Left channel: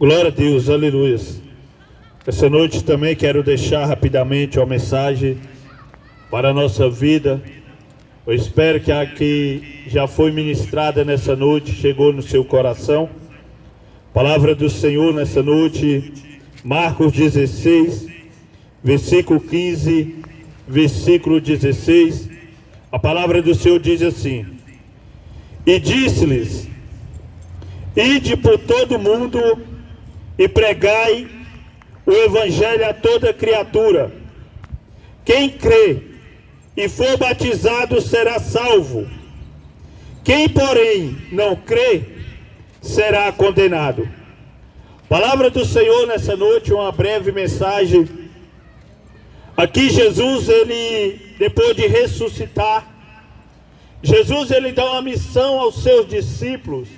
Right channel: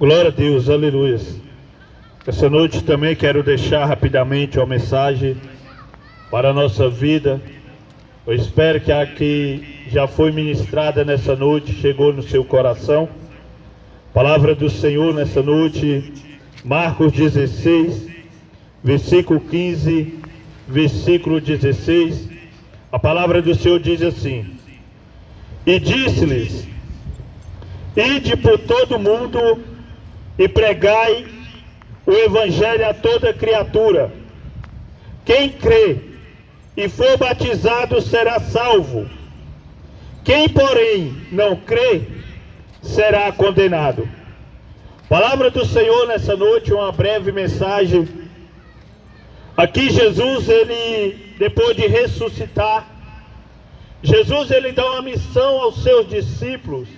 Glória a Deus, aleluia. Essa noite também quero deixar rapidamente uma mensagem para a nossa vida. Eu espero que a que já foi ministrada nessa noite chegou no seu coração. Palavra do Senhor nessa noite, Marcos 16, versículo 15, versículo 16. A palavra do Senhor diz assim: e disse-lhes: ide por todo mundo e pregai o evangelho a toda criatura. Quem crê e for batizado será salvo. Quem, porém, não crê será condenado. Palavra do Senhor nessa noite, uma breve mensagem. Aqui Jesus, ele, depois de ressuscitar, Jesus, ele dá uma missão aos seus discípulos,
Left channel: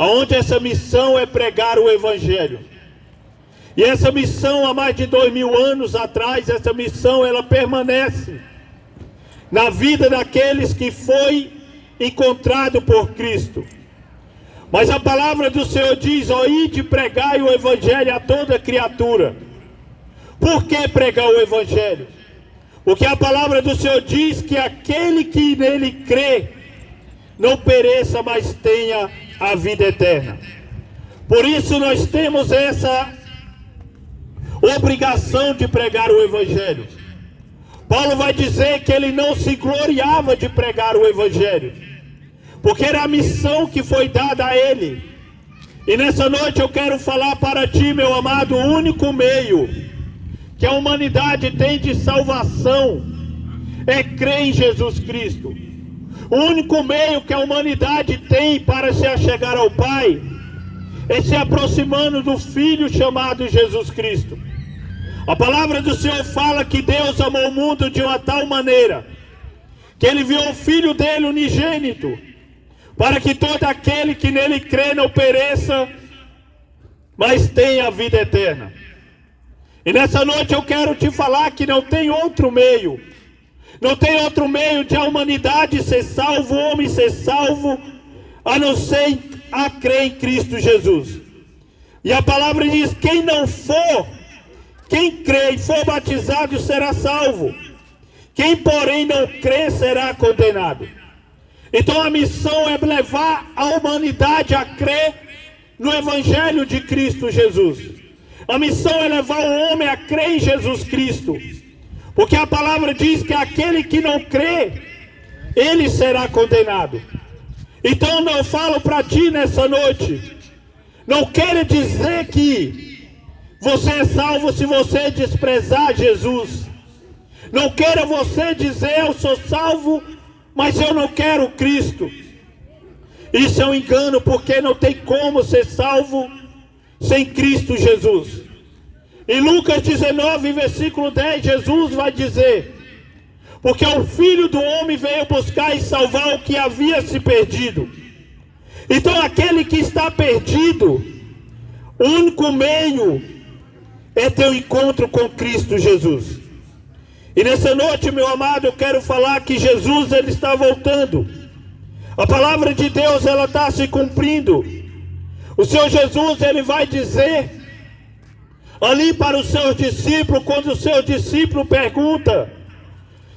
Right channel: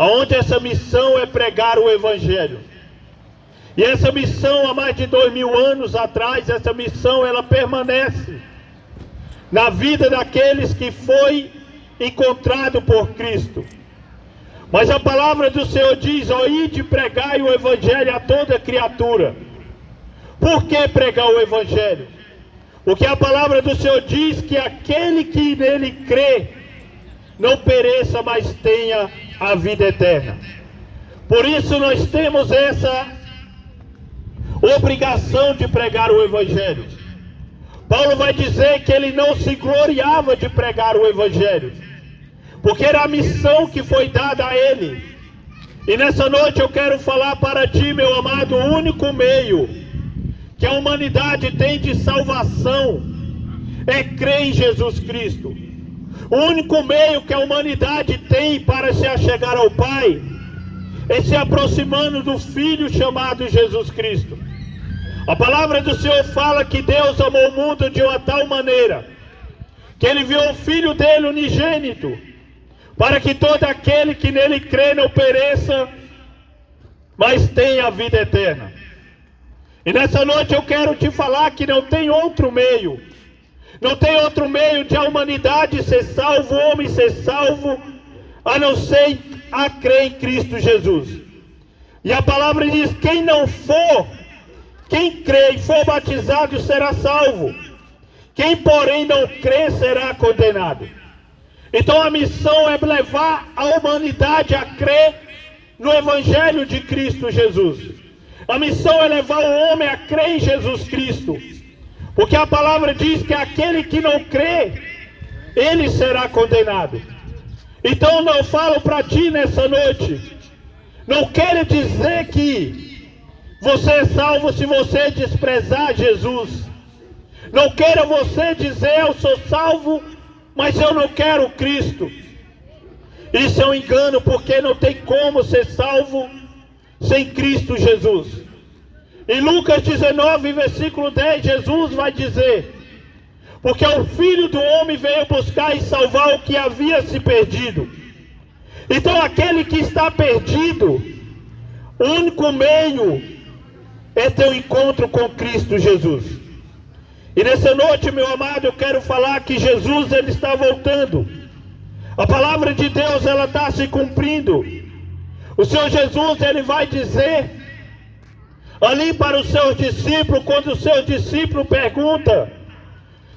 onde essa missão é pregar o evangelho. E essa missão, há mais de 2000 anos atrás, essa missão ela permanece na vida daqueles que foi encontrado por Cristo. Mas a palavra do Senhor diz: ó, ide pregai o evangelho a toda criatura. Por que pregar o evangelho? Porque a palavra do Senhor diz que aquele que nele crê não pereça, mas tenha a vida eterna. Por isso nós temos essa obrigação de pregar o evangelho. Paulo vai dizer que ele não se gloriava de pregar o evangelho, porque era a missão que foi dada a ele. E nessa noite eu quero falar para ti, meu amado, o único meio que a humanidade tem de salvação é crer em Jesus Cristo. O único meio que a humanidade tem para se achegar ao Pai é se aproximando do Filho chamado Jesus Cristo. A palavra do Senhor fala que Deus amou o mundo de uma tal maneira que Ele enviou o Filho dele unigênito, para que todo aquele que nele crê não pereça, mas tenha a vida eterna. E nessa noite eu quero te falar que não tem outro meio. Não tem outro meio de a humanidade ser salvo, o homem ser salvo, a não ser a crer em Cristo Jesus. E a palavra diz: quem crê e for batizado será salvo. Quem, porém, não crê será condenado. Então a missão é levar a humanidade a crer no Evangelho de Cristo Jesus. A missão é levar o homem a crer em Jesus Cristo. Porque a palavra diz que aquele que não crê, ele será condenado. Então eu falo para ti nessa noite, não quero dizer que você é salvo se você desprezar Jesus. Não quero você dizer: eu sou salvo, mas eu não quero Cristo. Isso é um engano, porque não tem como ser salvo sem Cristo Jesus. Em Lucas 19, versículo 10, Jesus vai dizer: porque o Filho do Homem veio buscar e salvar o que havia se perdido. Então aquele que está perdido, o único meio é ter um encontro com Cristo Jesus. E nessa noite, meu amado, eu quero falar que Jesus, ele está voltando. A palavra de Deus, ela está se cumprindo. O Senhor Jesus, ele vai dizer ali para os seus discípulos, quando o seu discípulo pergunta:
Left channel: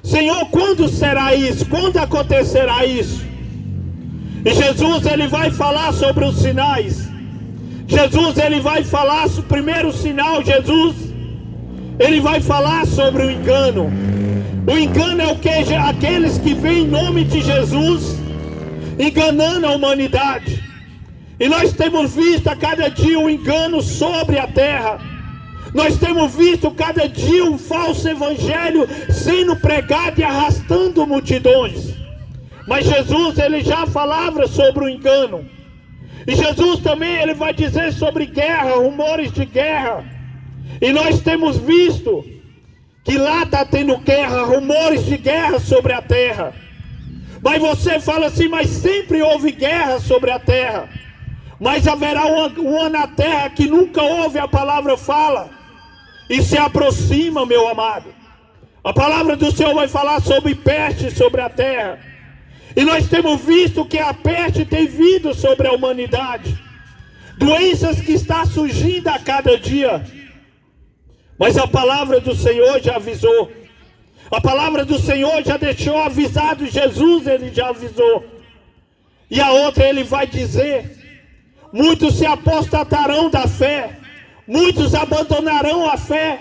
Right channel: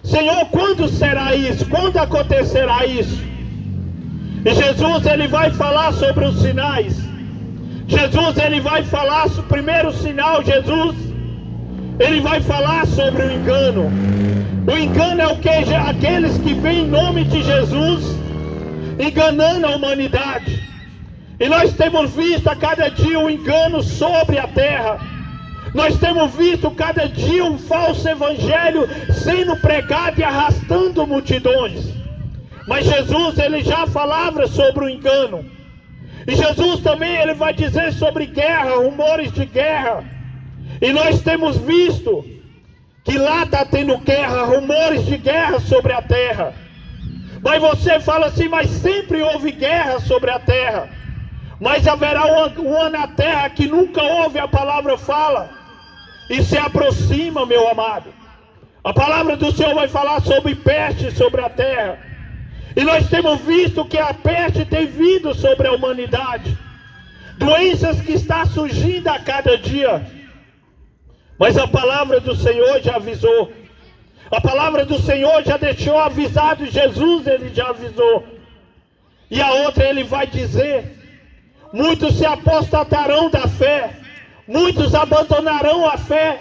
Senhor, quando será isso? Quando acontecerá isso? E Jesus, ele vai falar sobre os sinais. Jesus, ele vai falar sobre o primeiro sinal. Jesus, ele vai falar sobre o engano. O engano é o que? Aqueles que vêm em nome de Jesus enganando a humanidade. E nós temos visto a cada dia um engano sobre a terra. Nós temos visto cada dia um falso evangelho sendo pregado e arrastando multidões. Mas Jesus, ele já falava sobre o engano. E Jesus também, ele vai dizer sobre guerra, rumores de guerra. E nós temos visto que lá está tendo guerra, rumores de guerra sobre a terra. Mas você fala assim: mas sempre houve guerra sobre a terra. Mas haverá uma na terra que nunca houve, a palavra fala, e se aproxima, meu amado. A palavra do Senhor vai falar sobre peste sobre a terra. E nós temos visto que a peste tem vindo sobre a humanidade. doenças que estão surgindo a cada dia. Mas a palavra do Senhor já avisou. A palavra do Senhor já deixou avisado. Jesus, ele já avisou. E a outra ele vai dizer: muitos se apostatarão da fé, muitos abandonarão a fé.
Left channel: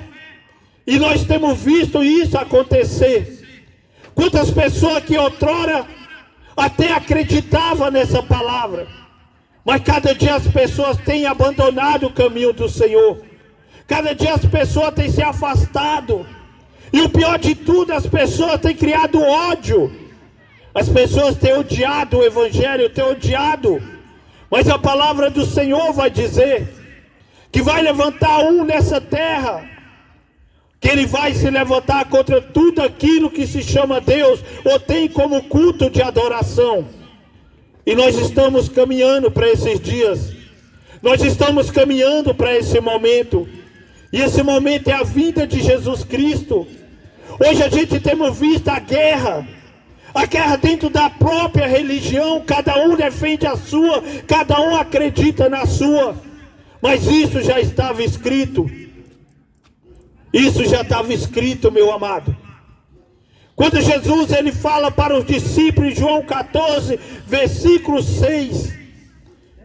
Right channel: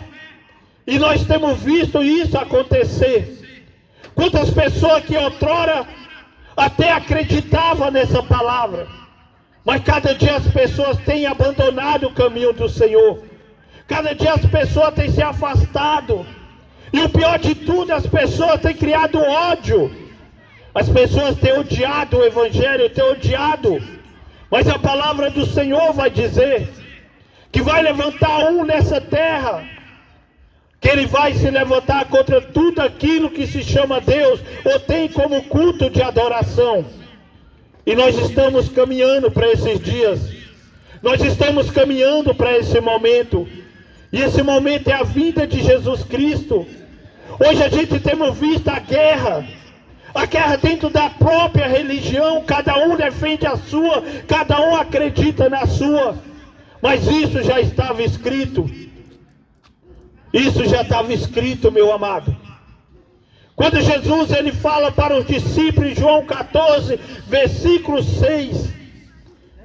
E nós temos visto isso acontecer. Quantas pessoas que outrora até acreditavam nessa palavra, mas cada dia as pessoas têm abandonado o caminho do Senhor. Cada dia as pessoas têm se afastado. E o pior de tudo, as pessoas têm criado ódio. As pessoas têm odiado o Evangelho, têm odiado. Mas a palavra do Senhor vai dizer que vai levantar um nessa terra, que ele vai se levantar contra tudo aquilo que se chama Deus, ou tem como culto de adoração. E nós estamos caminhando para esses dias. Nós estamos caminhando para esse momento. E esse momento é a vinda de Jesus Cristo. Hoje a gente temos visto a guerra dentro da própria religião. Cada um defende a sua, cada um acredita na sua. Mas isso já estava escrito. Isso já estava escrito, meu amado. Quando Jesus ele fala para os discípulos, em João 14, versículo 6,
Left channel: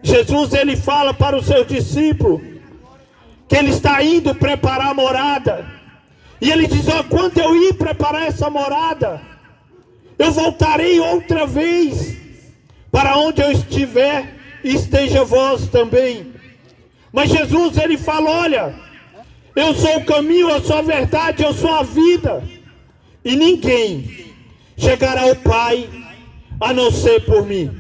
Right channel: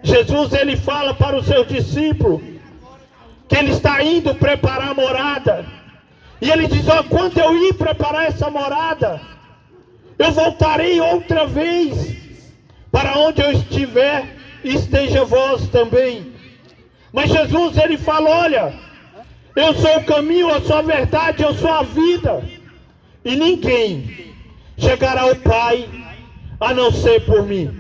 Jesus ele fala para os seus discípulos que ele está indo preparar a morada. E ele diz: ó, quando eu ir preparar essa morada, eu voltarei outra vez, para onde eu estiver, esteja vós também. Mas Jesus ele fala: olha, eu sou o caminho, eu sou a verdade, eu sou a vida. E ninguém chegará ao Pai a não ser por mim.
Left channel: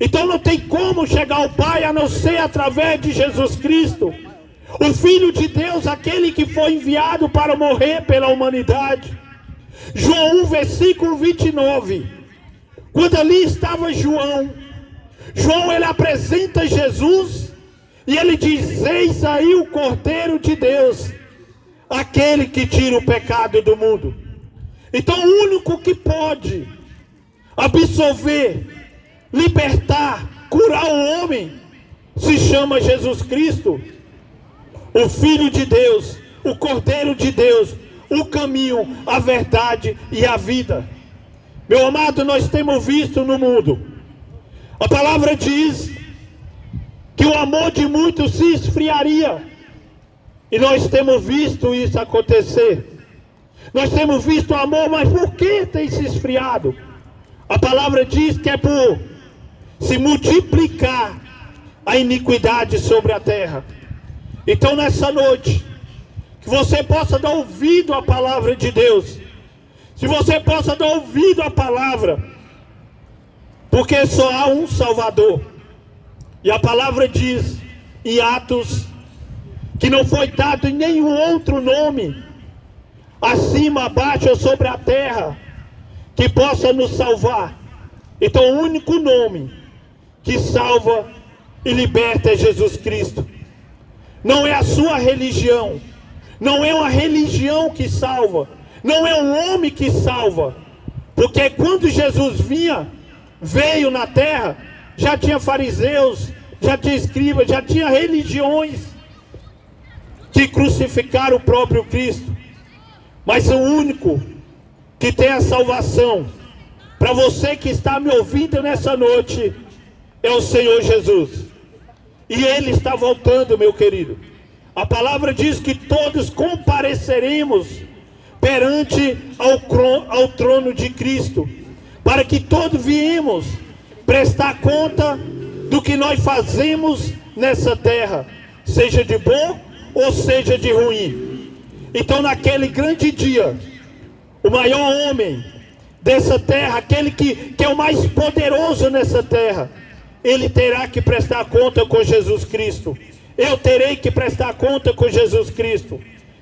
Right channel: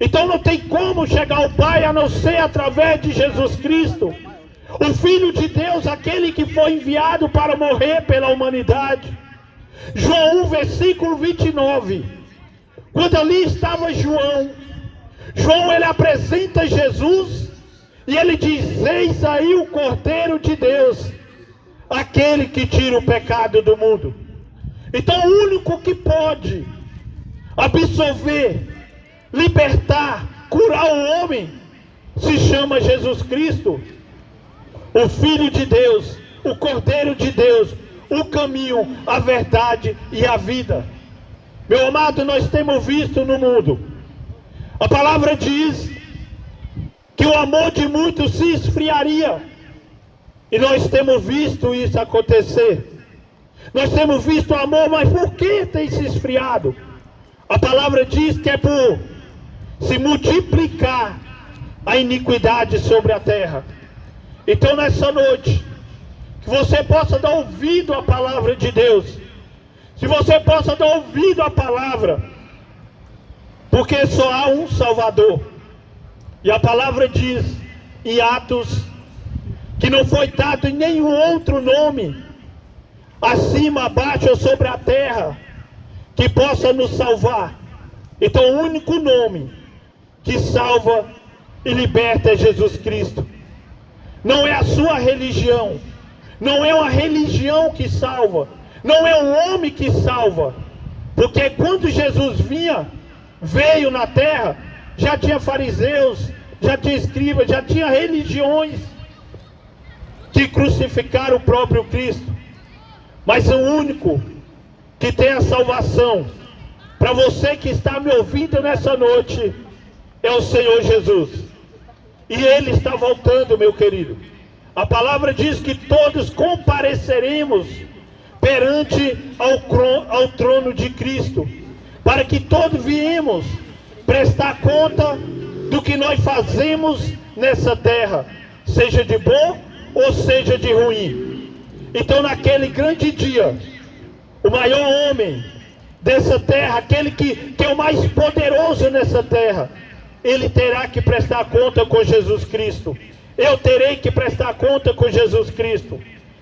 Então não tem como chegar ao Pai a não ser através de Jesus Cristo, o Filho de Deus, aquele que foi enviado para morrer pela humanidade. João 1, versículo 29. Quando ali estava João ele apresenta Jesus e ele diz: eis aí o Cordeiro de Deus, aquele que tira o pecado do mundo. Então o único que pode absolver, libertar, curar o homem se chama Jesus Cristo, o Filho de Deus, o Cordeiro de Deus, o caminho, a verdade e a vida. Meu amado, nós temos visto no mundo, a palavra diz que o amor de muitos se esfriaria, e nós temos visto isso acontecer. Nós temos visto o amor, mas por que tem se esfriado? A palavra diz que é por se multiplicar a iniquidade sobre a terra. Então nessa noite, que você possa dar ouvido à palavra de Deus. Se você possa dar ouvido à palavra, porque só há um Salvador. E a palavra diz em Atos que não foi dado nenhum outro nome, acima, abaixo ou sobre a terra, que possa nos salvar. Então o único nome que salva e liberta é Jesus Cristo. Não é a sua religião, não é uma religião que salva, não é um homem que salva, porque quando Jesus veio na terra, já tinha fariseus, já tinha escribas, já tinha religiões que crucificaram o próprio Cristo. Mas o único que tem a salvação, para você que está me ouvindo nessa noite, é o Senhor Jesus. E Ele está voltando, meu querido. A palavra diz que todos compareceremos perante ao trono de Cristo, para que todos viemos prestar conta do que nós fazemos nessa terra, seja de bom ou seja de ruim. Então naquele grande dia, o maior homem dessa terra, aquele que é o mais poderoso nessa terra, ele terá que prestar conta com Jesus Cristo. Eu terei que prestar conta com Jesus Cristo.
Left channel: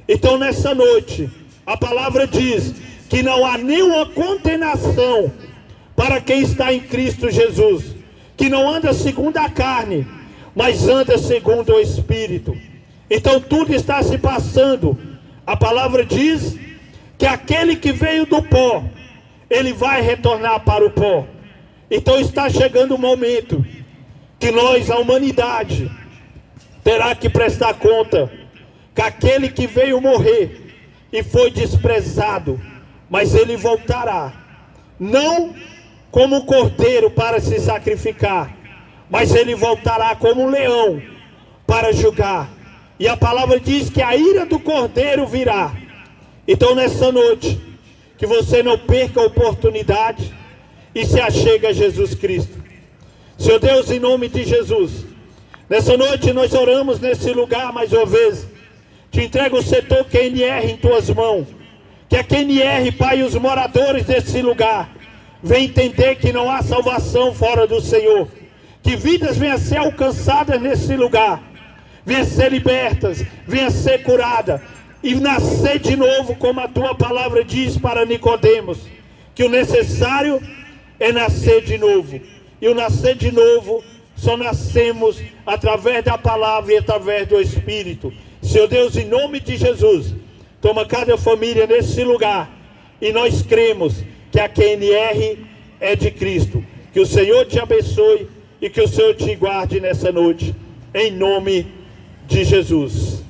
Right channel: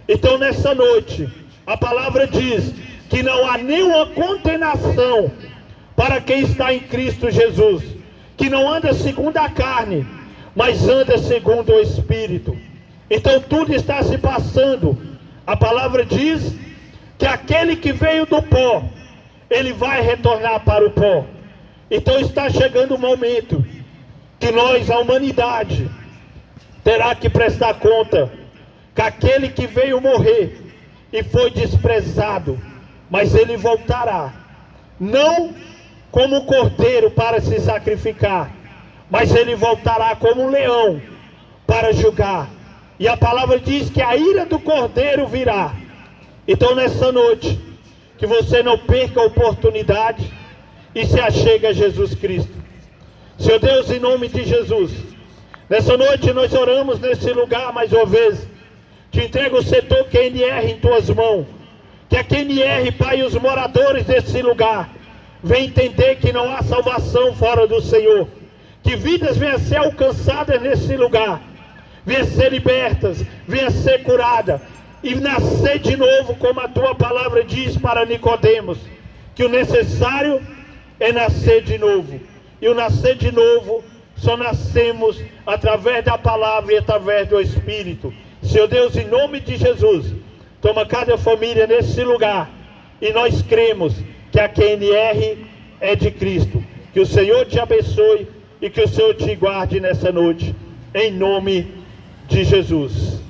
Então nessa noite, a palavra diz que não há nenhuma condenação para quem está em Cristo Jesus, que não anda segundo a carne, mas anda segundo o Espírito. Então tudo está se passando. A palavra diz que aquele que veio do pó, ele vai retornar para o pó. Então está chegando o momento que nós, a humanidade, terá que prestar conta que aquele que veio morrer e foi desprezado, mas ele voltará, não como um cordeiro para se sacrificar, mas ele voltará como um leão para julgar. E a palavra diz que a ira do cordeiro virá. Então nessa noite, que você não perca a oportunidade e se achegue a Jesus Cristo. Senhor Deus, em nome de Jesus, nessa noite nós oramos nesse lugar mais uma vez. Te entrego o setor QNR em tuas mãos. Que a QNR, Pai, e os moradores desse lugar venham entender que não há salvação fora do Senhor. Que vidas venham a ser alcançadas nesse lugar, venham a ser libertas, venham a ser curadas e nascer de novo, como a tua palavra diz para Nicodemos, que o necessário é nascer de novo. E o nascer de novo só nascemos através da palavra e através do Espírito. Senhor Deus, em nome de Jesus, toma cada família nesse lugar, e nós cremos que a QNR é de Cristo. Que o Senhor te abençoe e que o Senhor te guarde nessa noite, em nome de Jesus.